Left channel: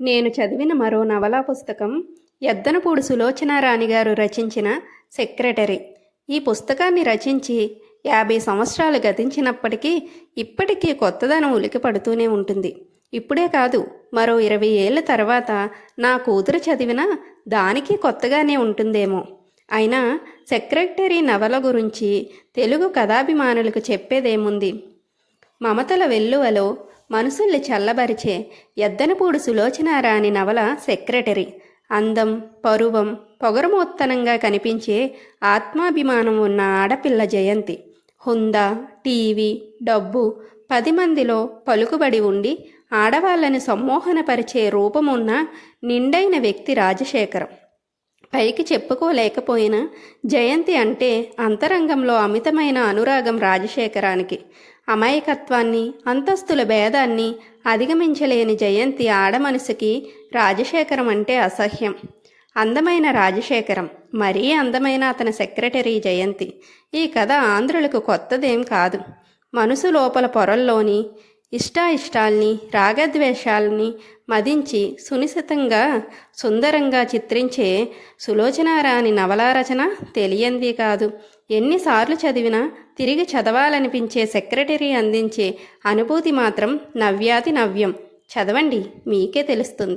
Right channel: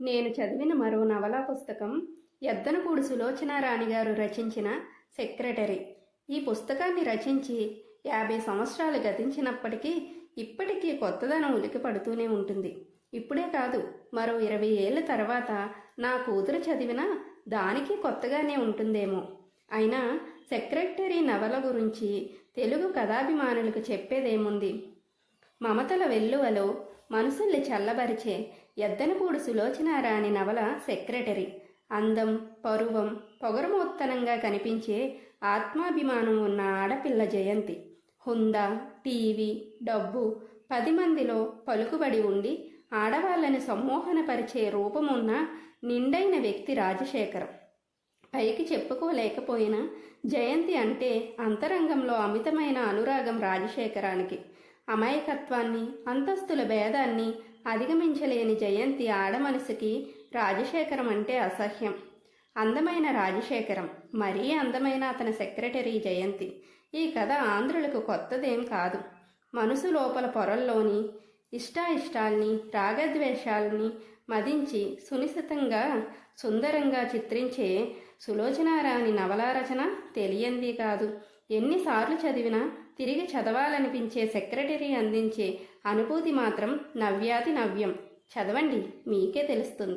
నేను చదివిన మరో నవలా పుస్తకం యద్దనపూడి సులోచనారాణి గారు రచించిన సెక్రటరీ. ఈ పుస్తకాన్ని రచించి 50 సంవత్సరాలు గతించినప్పటికీ ఇప్పటికీ కొత్తదనం ఉలికి పడుతూనే ఉంటుంది. ఇప్పుడే కాదు, మరో 20 ఏళ్ల తర్వాత నా కూతురు చదివినా దానికి కొత్తగానే ఉంటుందేమో. అయినా సెక్రటరీ నవల గురించి తెలుగు కథాభిమానులకు చెప్పేదేముంది? మమతల వెల్లువలో మనసుల్ని చల్లబరిచే యద్దనపూడి సులోచనారాణి నవల సెక్రటరీ. అందం, పరువం, పొగరుమోత్తనంగా కనిపించే ఆత్మాభిమానం ఉన్న ఆడపిల్ల జయంతి. హుందా, టీవీ, డబ్బు, 10 మందిలో పలుకుబడి ఉండి ఆడవాళ్ళని సమ్మోహనపరిచే రూపమున్న నిండైన వ్యక్తి రాజశేఖరం. పైకి చెప్పుకోలేకపోయినా జయంతి అంటే అంతరంగంలో అమితమైన అనురాగం రాజశేఖరానికి. అమాయకత్వాన్ని, అంతస్తుల భేదాన్ని అధిగమించలేని జయంతి ఆడమనసుకి రాజశేఖరం అంటే అసహ్యం. అందమైన రాజశేఖరం, మరీ అందమైన అతని సెక్రటరీ జయంతి. ఈ కథ ఆంధ్రులకు కొత్తదేం కాదు. మనసు లోపల పొరల్లోని ఇష్టాయిష్టాల్ని, రాగద్వేషాల్ని మదించి సునిశితంగా, సుందరంగా చిత్రించే సులోచనారాణి నవలా రచన తెలియంది కాదు. ఎన్నిసార్లు చదివినా తిరిగి చదవాలనిపించే సెక్రటరీ అందించే అనుభూతి మాత్రం నవ్యాతి నవ్యం. చదవండి, మీకే తెలుస్తుంది.